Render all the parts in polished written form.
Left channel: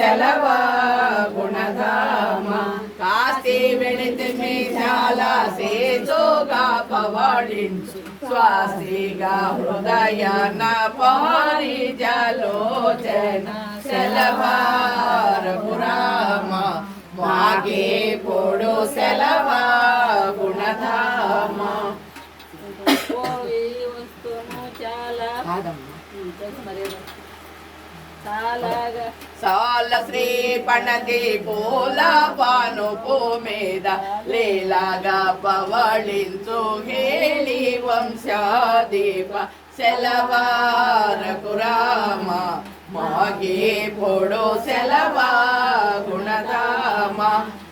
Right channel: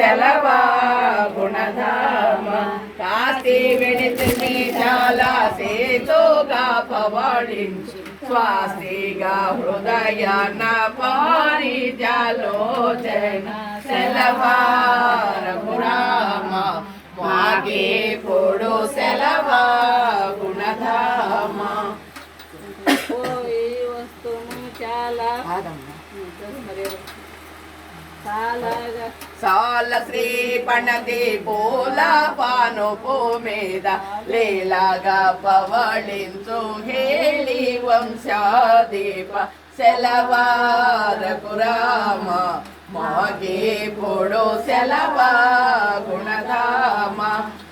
సెలవా గుణధామ కాశీ వెళితే చాలా సేతుగా పవళించు స్వాసిగా హృదయాన పారిజాలోచన సెలవా రఘురామ మాగే పొడు సెలవా గుణధామ సాల శ్రీ పణతి పూల పానుపు మీద లీలాగా పవళించు హేళి వంశాదీప సెలవార కురామ మాగే పొడు సెలవా గుణధామ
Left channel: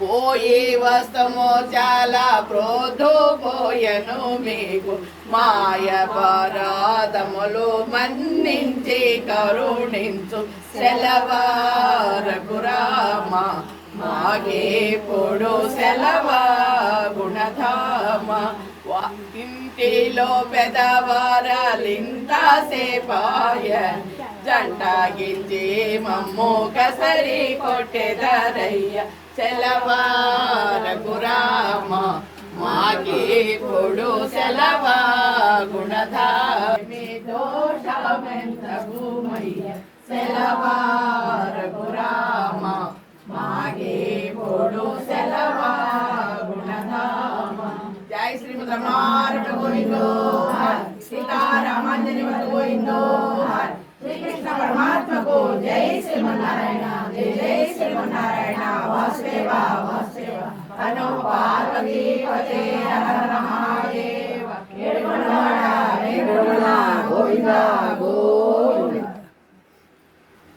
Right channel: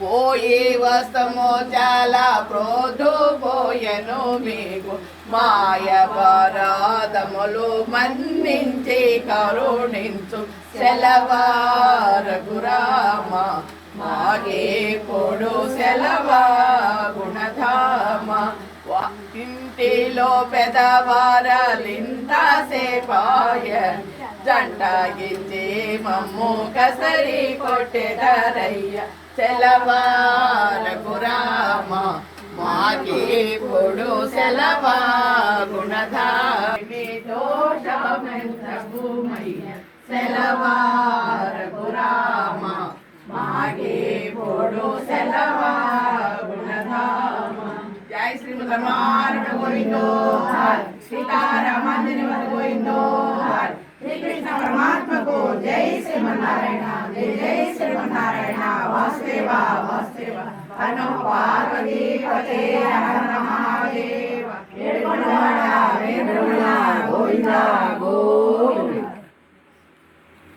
పోయి వస్తము చాలా ప్రోధు పోయను మీకు మాయ పరాధములు మన్నించి కరుణించు సెలవార గురామ మాగే పొడు సెలవా గుణధామ ఇంటిలో పెదవారలింత సేపాయ జండాగిచ్చి మమ్ము కసరి కొట్టెదరయ్య సెలవార గురామ మాగే పొడు సెలవా గుణధామి దోషమెంతగుమయ్య సెలవార గురామ మాగే పొడు సెలవా గుణధామ జై శ్రీమదమారణ గోవిందో సీతారామంజని గోవిందో श्री कृष्ण परमात्मा को जय श्रीमन्नारायण जय जय श्रीमन्नारायण वासुदेवा वासुदेवा अनो पार्वती पते हर महादेव गोविंदा गोविंदा